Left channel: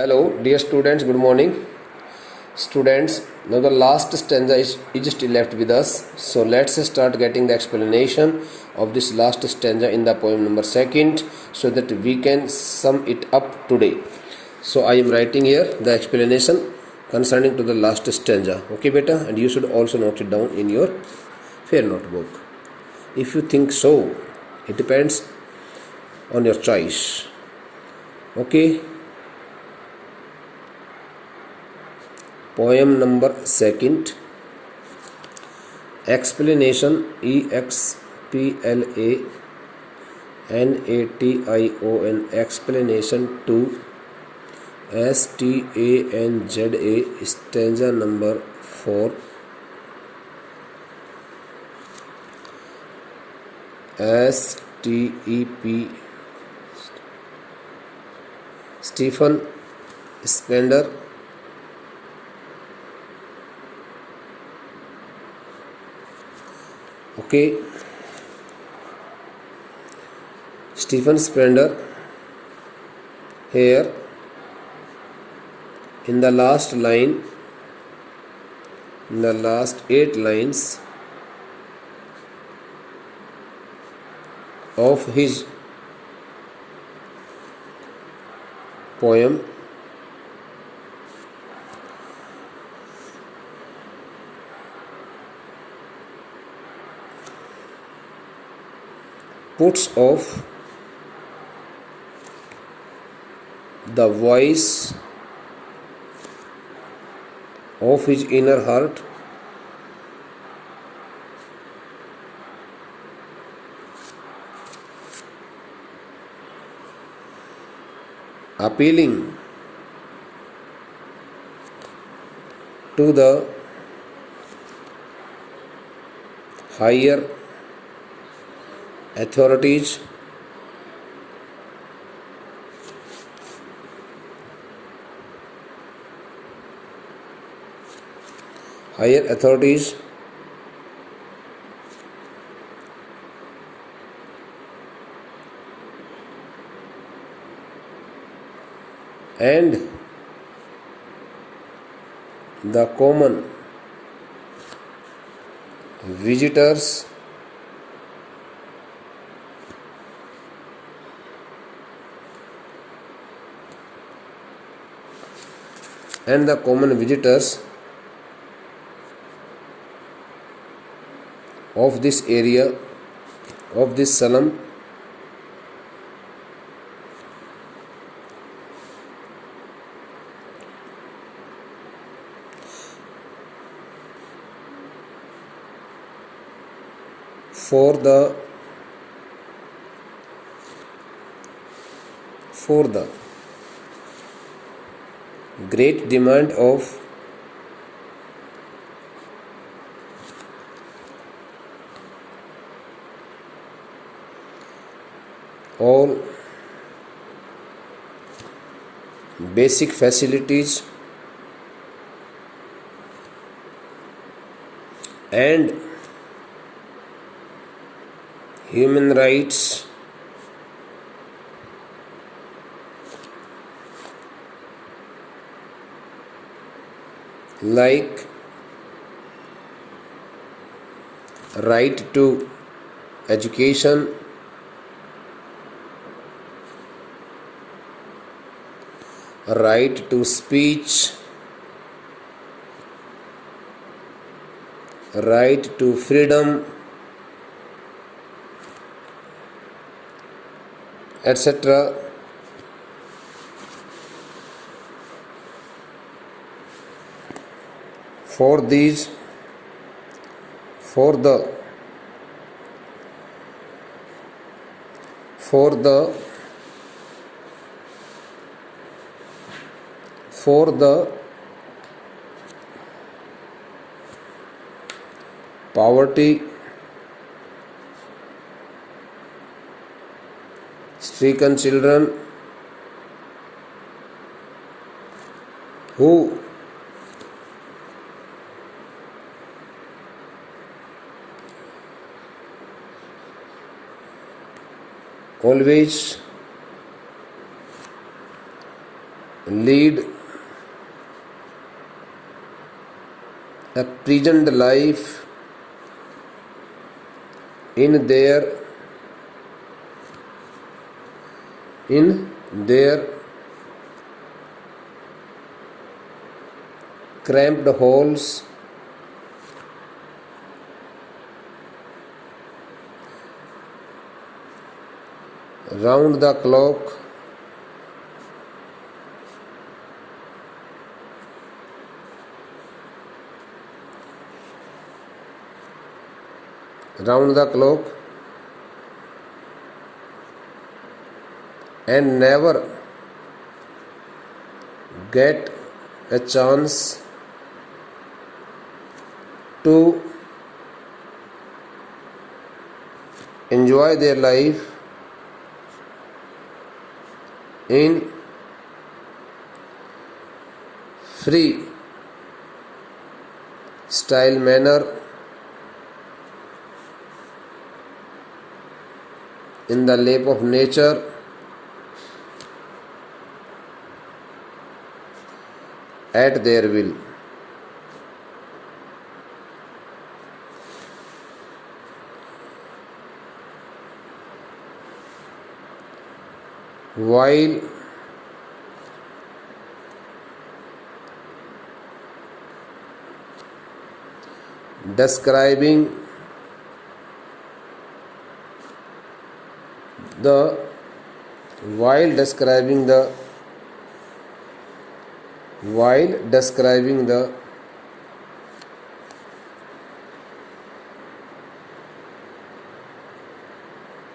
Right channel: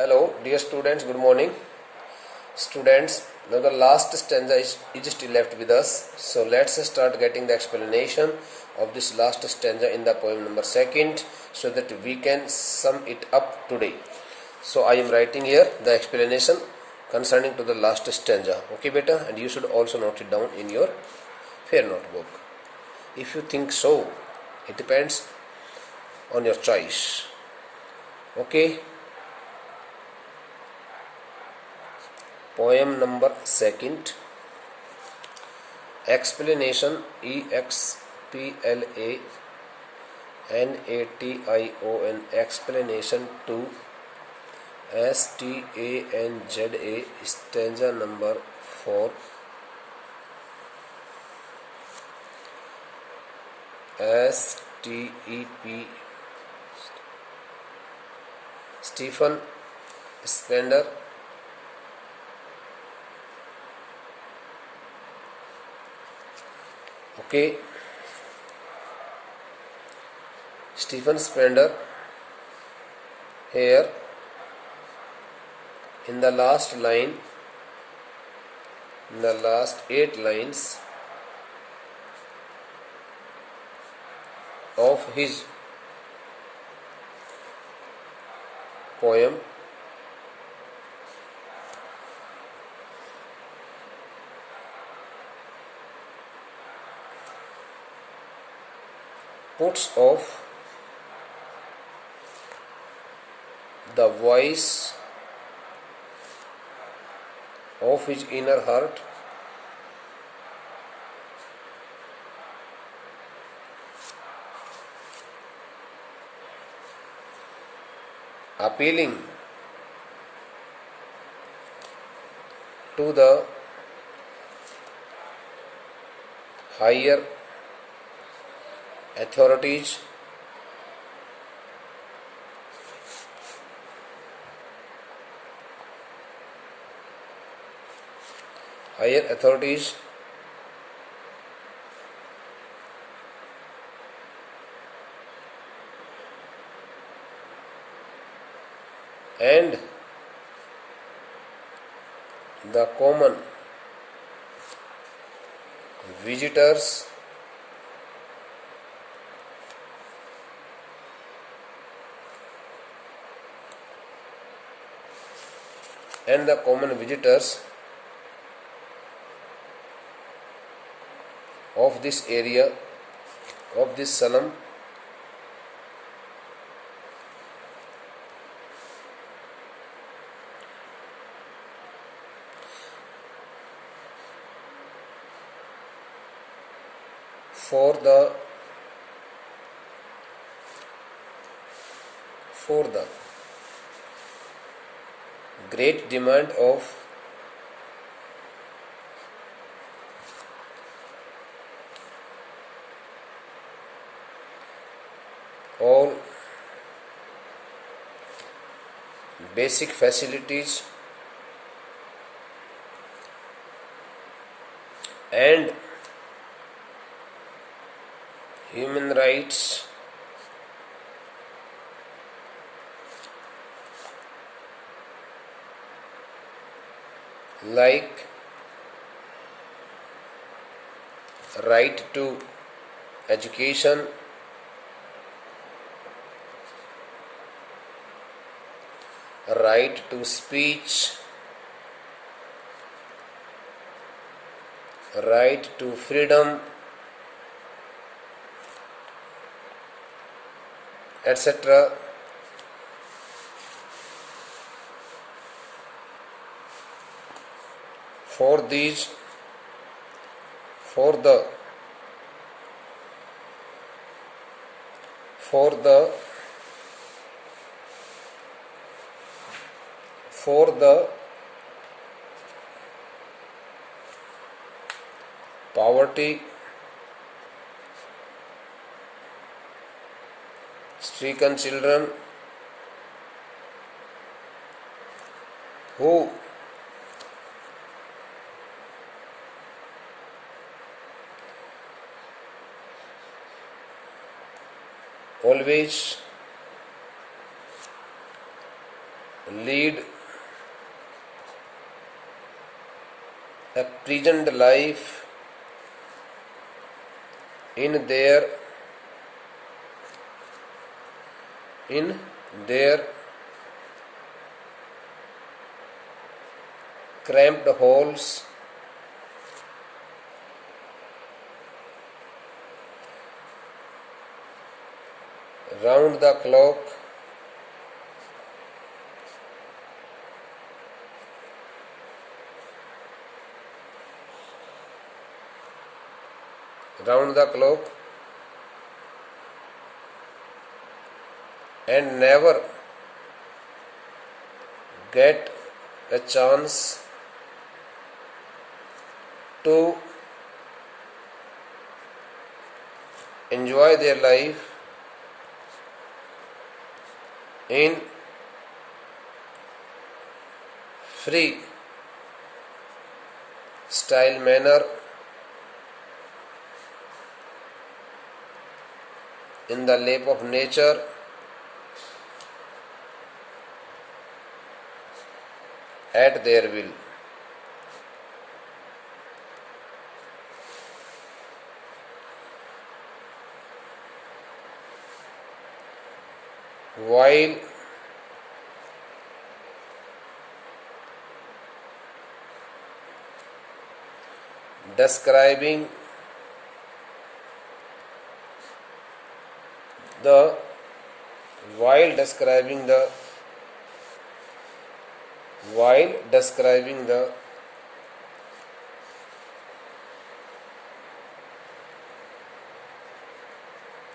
Hello, dear students, good morning. Students, now the last stanza is still left with us. So let's start getting the explanation of this last stanza in the poem number second so that we can sum it up today. So I am writing here the explanation concerning to the last stanza. Okay, beta, and you should also note it down in your fair notebook. If you think so, it depends on your choice. Okay. Poem number second. Explanation. EXPLANATION. Explanation 2. STANZA. Stanza number 4. STEP. Stephen Spender. Okay, Stephen Spender here in the last line, in the last 8 lines of his poem puts off the voice of his inner heart appealing to the higher authorities and the common visitors of this area, of this slum, for the great demand of all basic facilities and human rights like right to education, right to speech, right to freedom, etc. For the poverty stricken children who always lead a present life in their cramped halls round the clock, and never get a chance to enjoy their life in free style manner in the lap of nature at their will. While describing the while describing the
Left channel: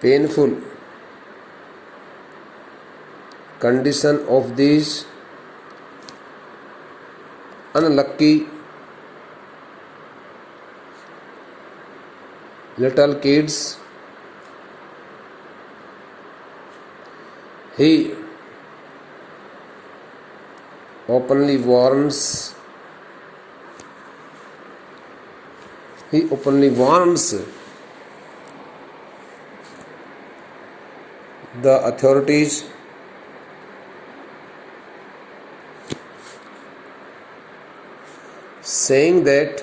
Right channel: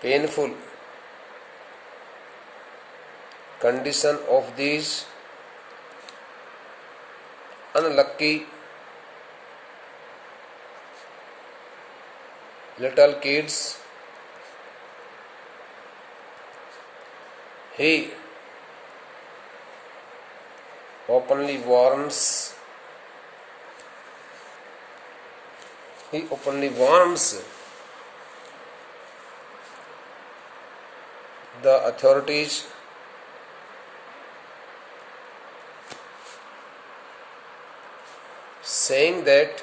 painful condition of these unlucky little kids, he openly warns the authorities saying that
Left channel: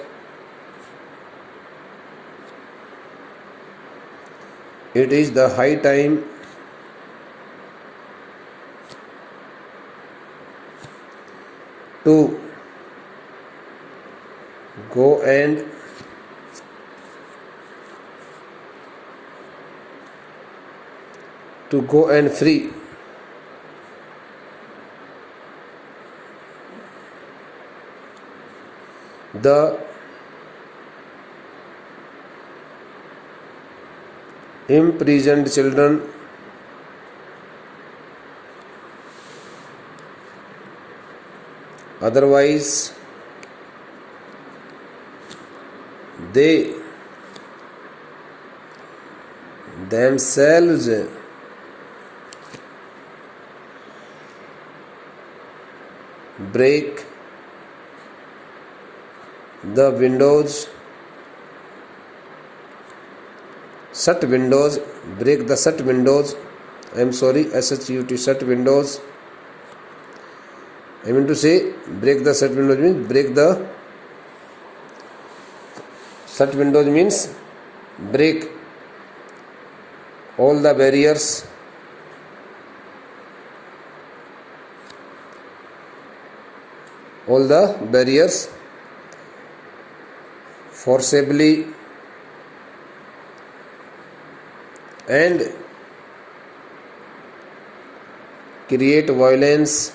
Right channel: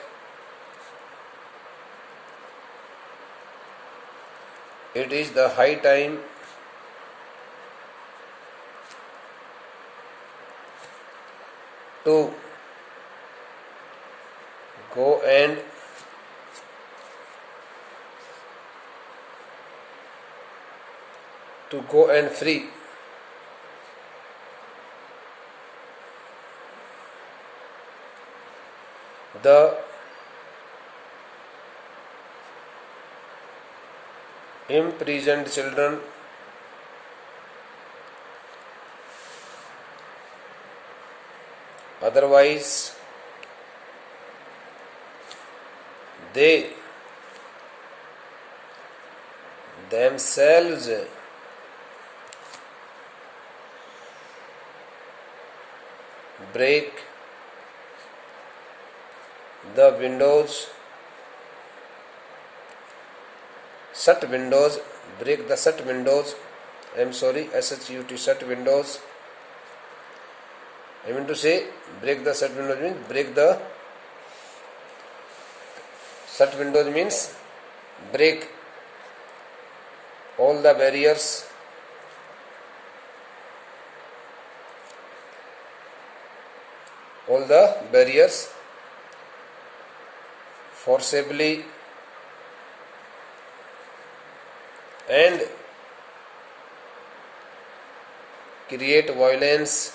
it is the high time to go and free the imprisoned children, otherwise they themselves break the windows, shut windows, break the shut windows. I am sorry, SHUT, shut windows. I mean to say, break the shut windows means shut windows means break all the barriers forcibly and create violence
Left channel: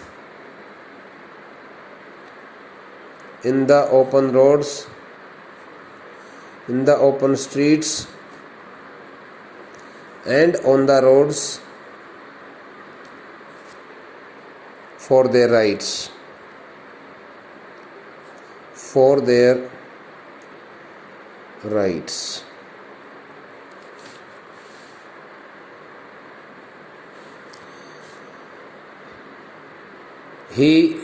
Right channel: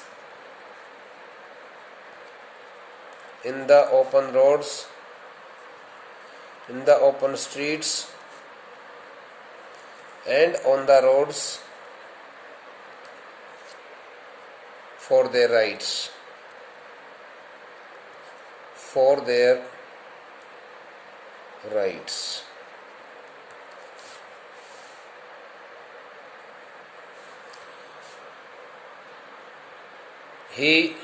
in the open roads, in the open streets and on the roads for their rights, He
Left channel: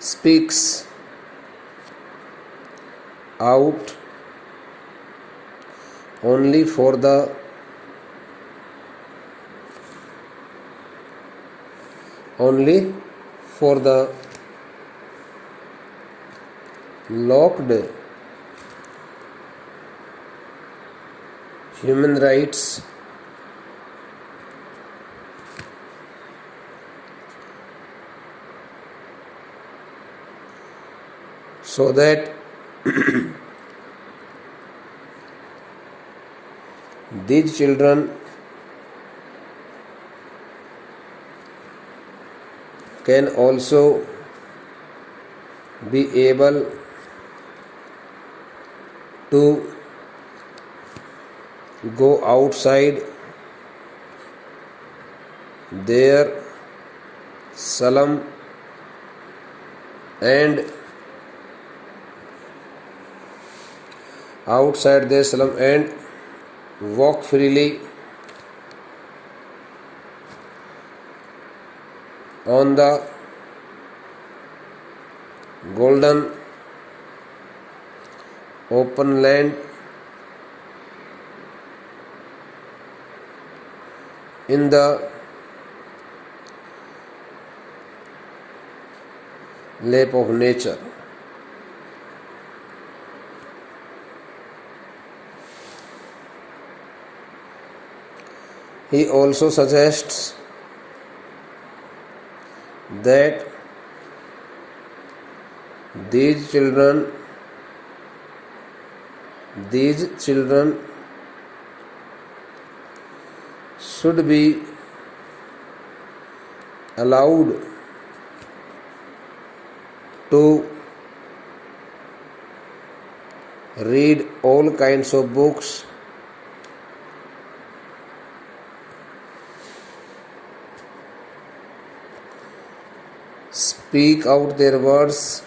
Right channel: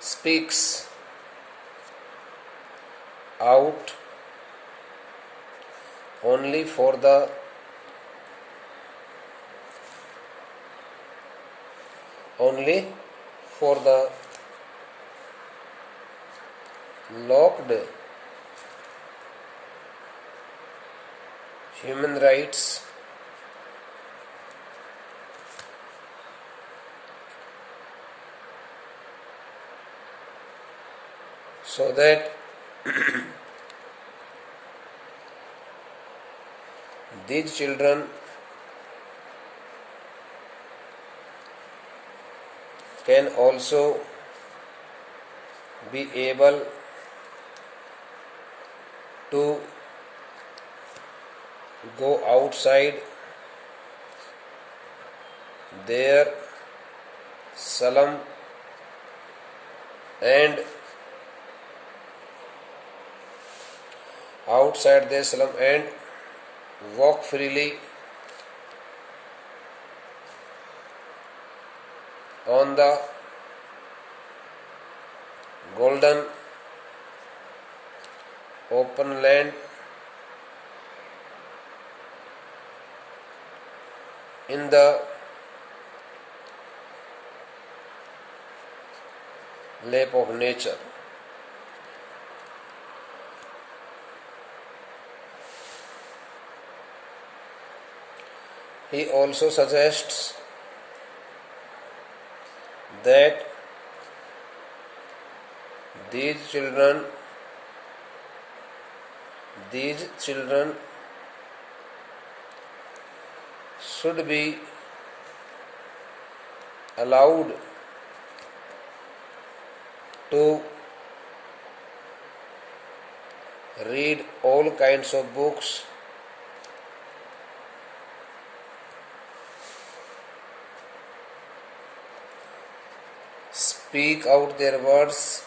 speaks out only for the locked human rights so that these children can also be able to go outside their slum and walk freely on the golden open land in the lap of nature. He also suggests that these children should be allowed to read all kinds of books, speak out their words,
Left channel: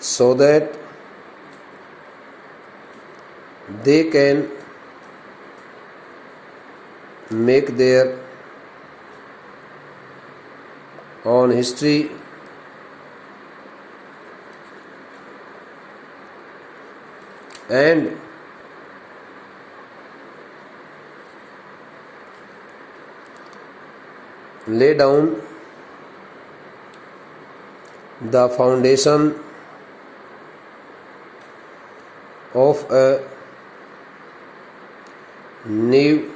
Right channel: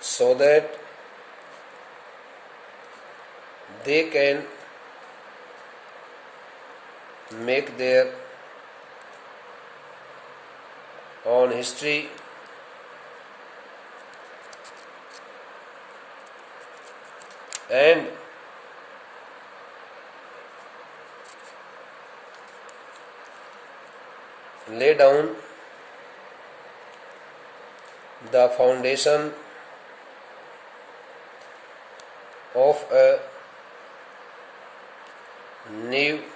so that they can make their own history and lay down the foundation of a new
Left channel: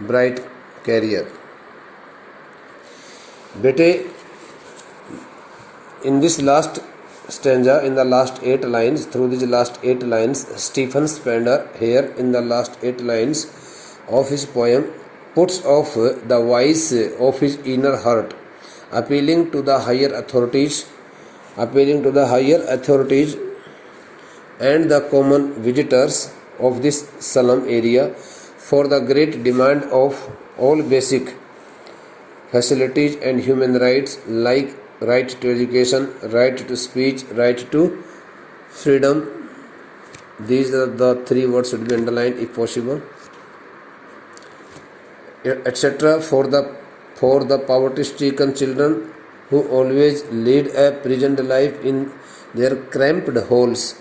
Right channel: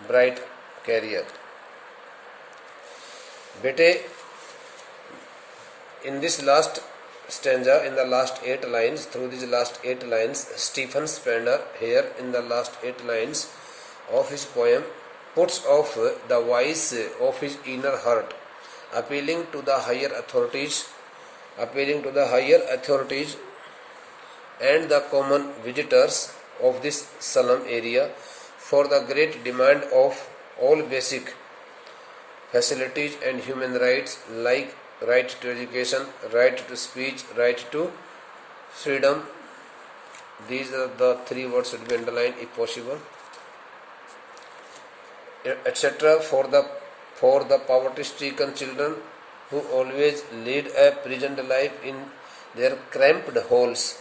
bright career. बेटे, in this last stanza, in the last 8 lines, through these last 8 lines, Stephen Spender here in the last 8 lines of his poem puts off the voice of his inner heart, appealing to the higher authorities and the common visitors of this slum area for the great demand of all basic facilities and human rights like right to education, right to speech, right to freedom. These are the 3 words should be underlined if possible, etc. For the poverty-stricken children who always lead a prisoned life in their cramped holes,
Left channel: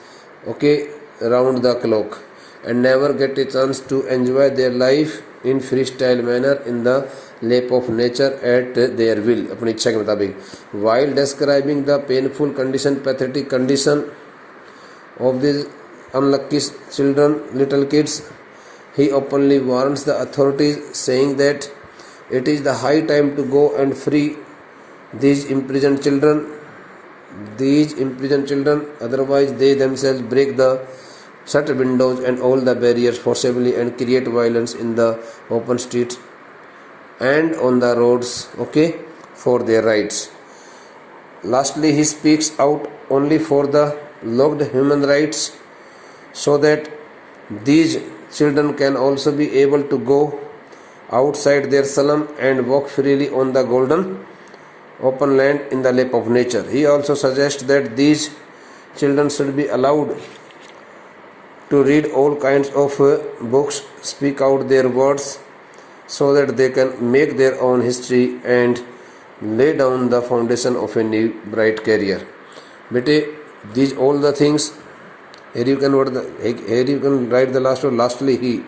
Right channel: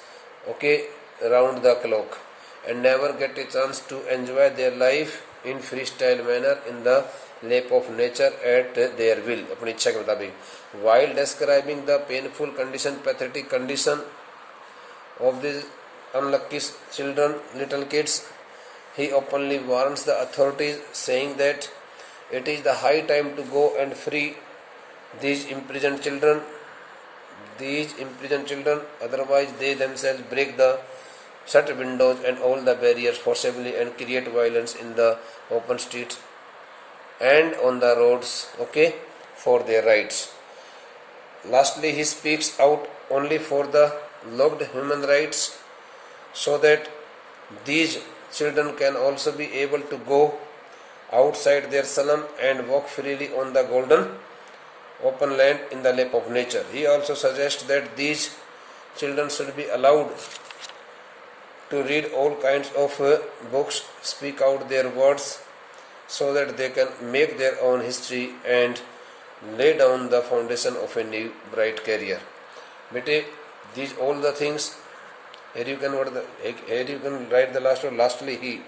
around the clock, and never get a chance to enjoy their life in freestyle manner in the lap of nature at their will, अपनी इच्छा के मुताबिक. While describing the pathetic condition of these unlucky little kids, he openly warns the authorities, saying that it is the high time to go and free these imprisoned children, otherwise they themselves break the shut windows and all the barriers forcibly and create violence in the open streets and on the roads, for their rights. Lastly, he speaks out only for the locked human rights, so that these children can also be able to go outside their slum and walk freely on the golden open land in the lap of nature. He also suggests that these children should be allowed to read all kinds of books, speak out their words, so that they can make their own history and lay down the foundation of a new bright career. बेटे these all the things, here you can write the last word. Lastly he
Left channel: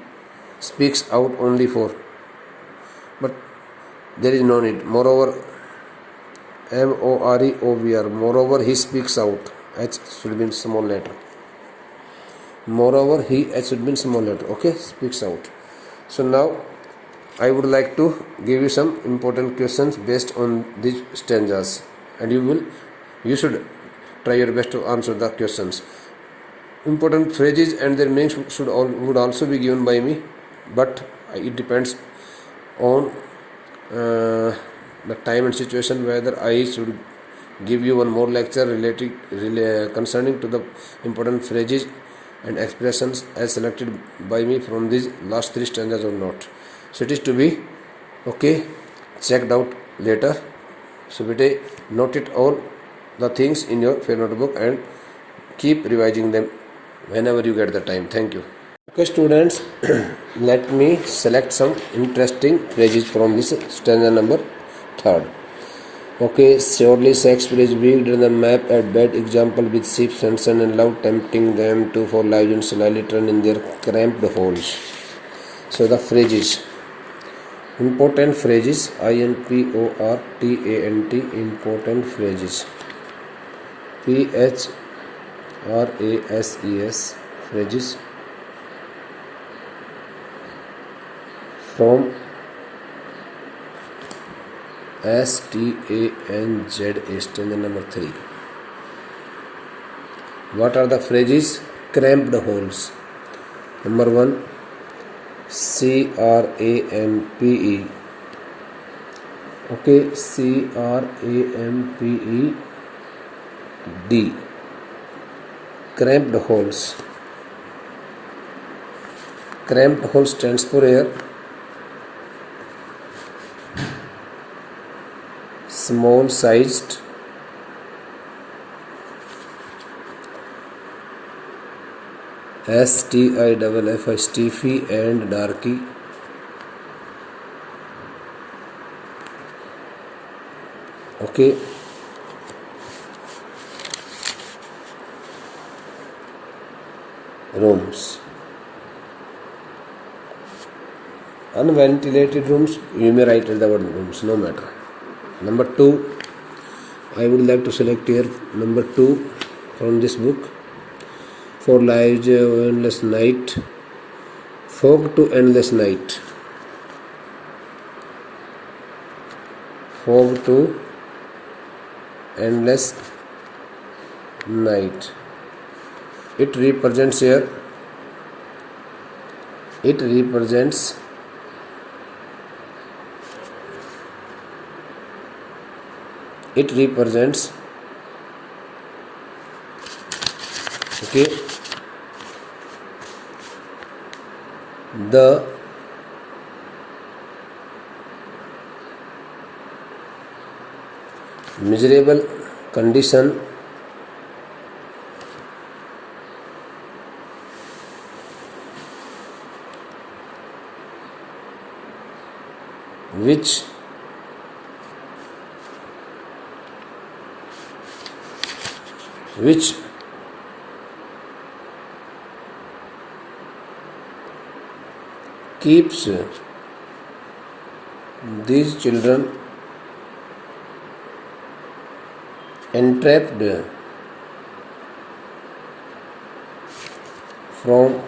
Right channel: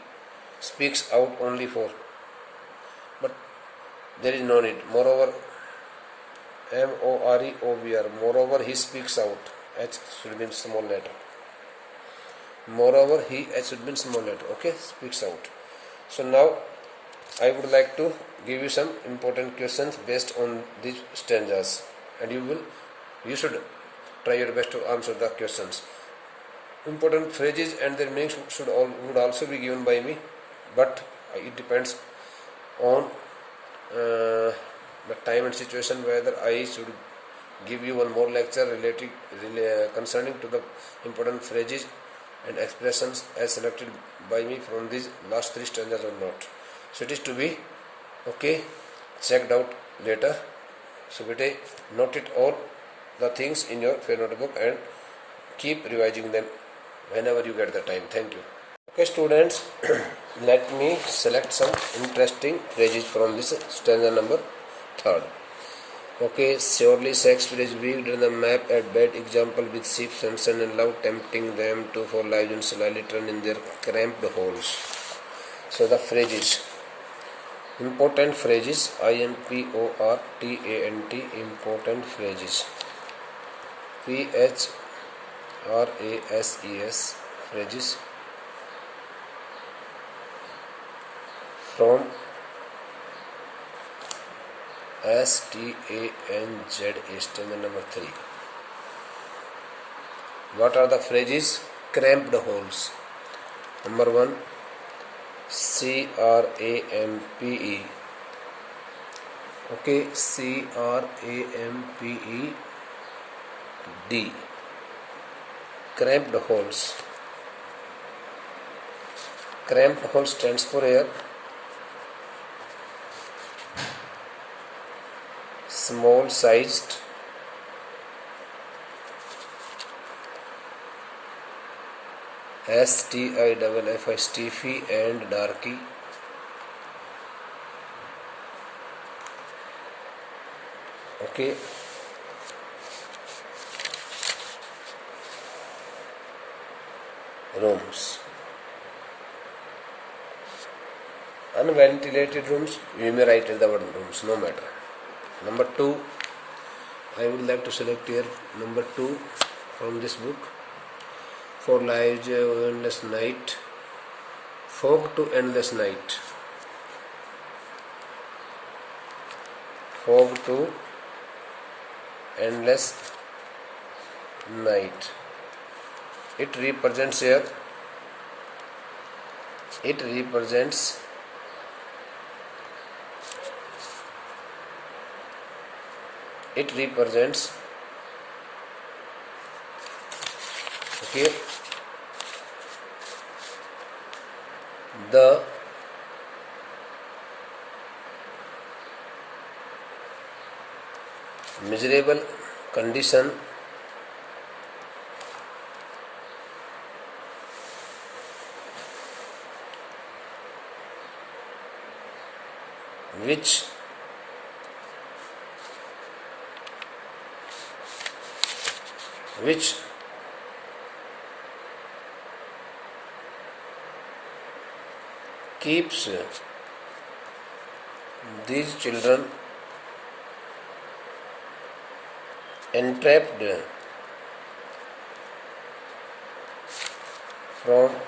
speaks out only for, but there is no need. Moreover, moreover, moreover he speaks out, h should be in small letter. Moreover he, h should be in small letter. Okay, speaks out. So now I would like to give you some important questions based on these stanzas, and you should try your best to answer the questions. Important phrases and their meanings would also be given by me, but it depends on the time and situation whether I should give you one more lecture concerning to the important phrases and expressions as selected by me from these last three stanzas or not. So it is to be checked out later. So bete note it all the things in your fair notebook and keep revising them whenever you get the time. Thank you. Okay students, let me select some interesting phrases from this stanza number 3rd. Okay, surely Shakespeare is weaved in the map at bad example with ships and sun and love tempting them to for life and slyly turn in their cramped holes. So the phrases, important phrases, important, important phrases, phrases, phrases, from stanza, stanza number 3. What are the phrases? Cramped holes. Number 1, crampe. Okay, cramped, cramped holes. Cramped hole stands for here small sized, stiff, stiffy and darky. Okay, rooms, unventilated rooms, you may write the word rooms, no matter. Number 2, I would like to select here number 2 from this book. For lives endless night, fog to endless night, fog to endless night. It represents here, it represents okay, the miserable condition which keeps these children entrapped from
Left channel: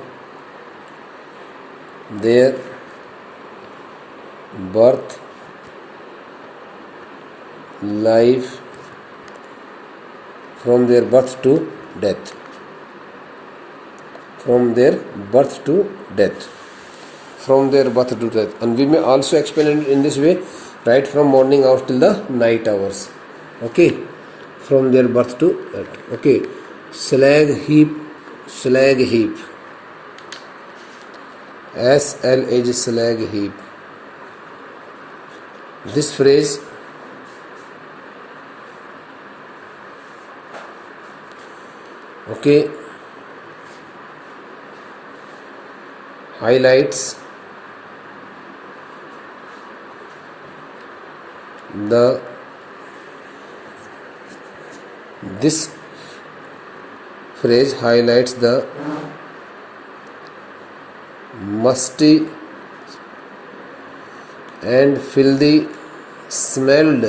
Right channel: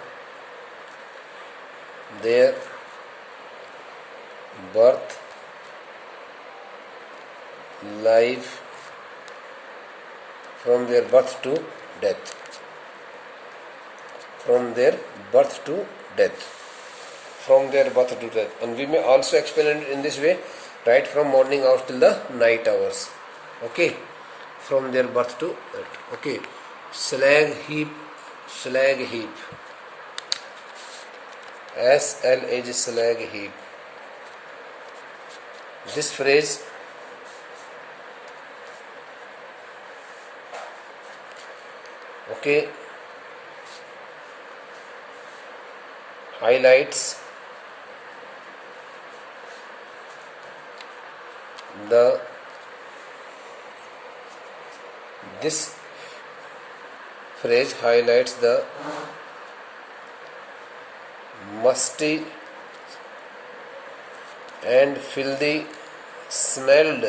their birth, life, from their birth to death, from their birth to death, from their birth to death. And we may also explain it in this way, right from morning hours till the night hours. Okay, from their birth to death. Okay, slag heap, slag heap, SL slag heap. This phrase highlights the This phrase highlights the musty and filthy smelled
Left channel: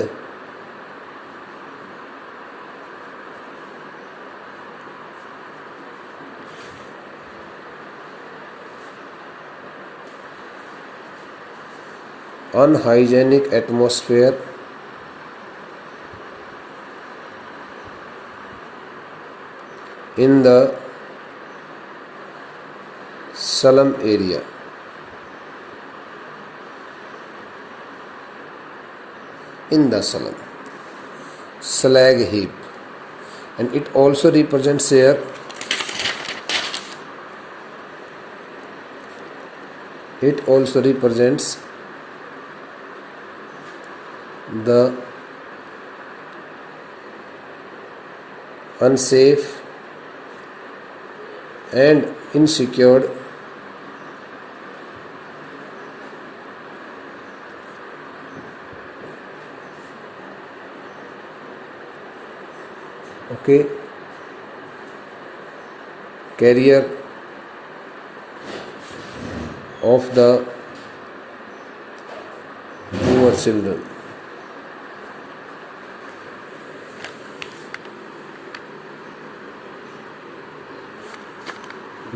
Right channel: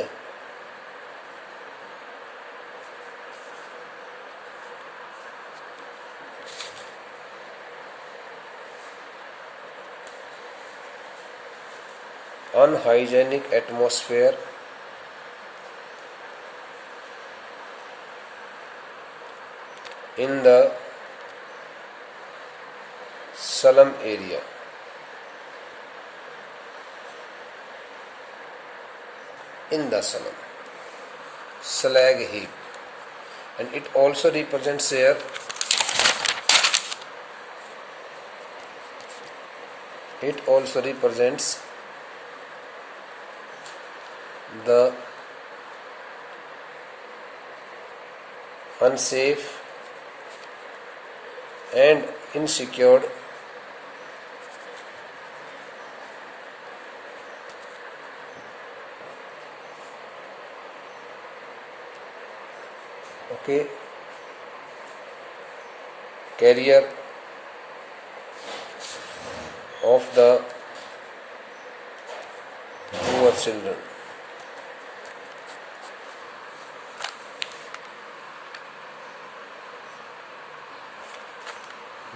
unhygienic atmosphere in the slum area. In the slum, slag heap, and it also represents here. It also represents the unsafe and insecure career of the poor children.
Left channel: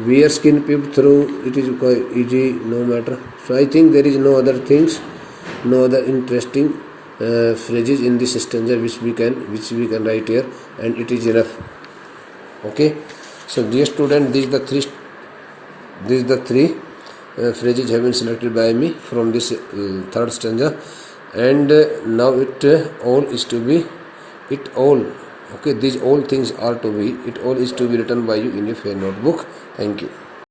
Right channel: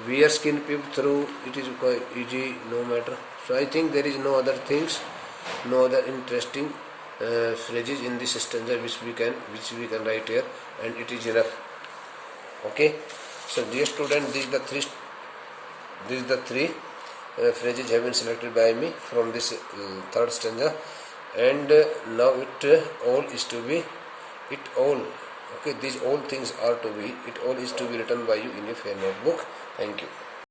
Where skin peep through, it is quite easy, no matter. So I think there is no other things, no other interesting phrases in this stanza which we can write here, and it is enough. Okay. So dear student, these the three phrases have been selected by me from this third stanza, and now these all things are to be, it all is to be written by you in your fair notebook. Thank you.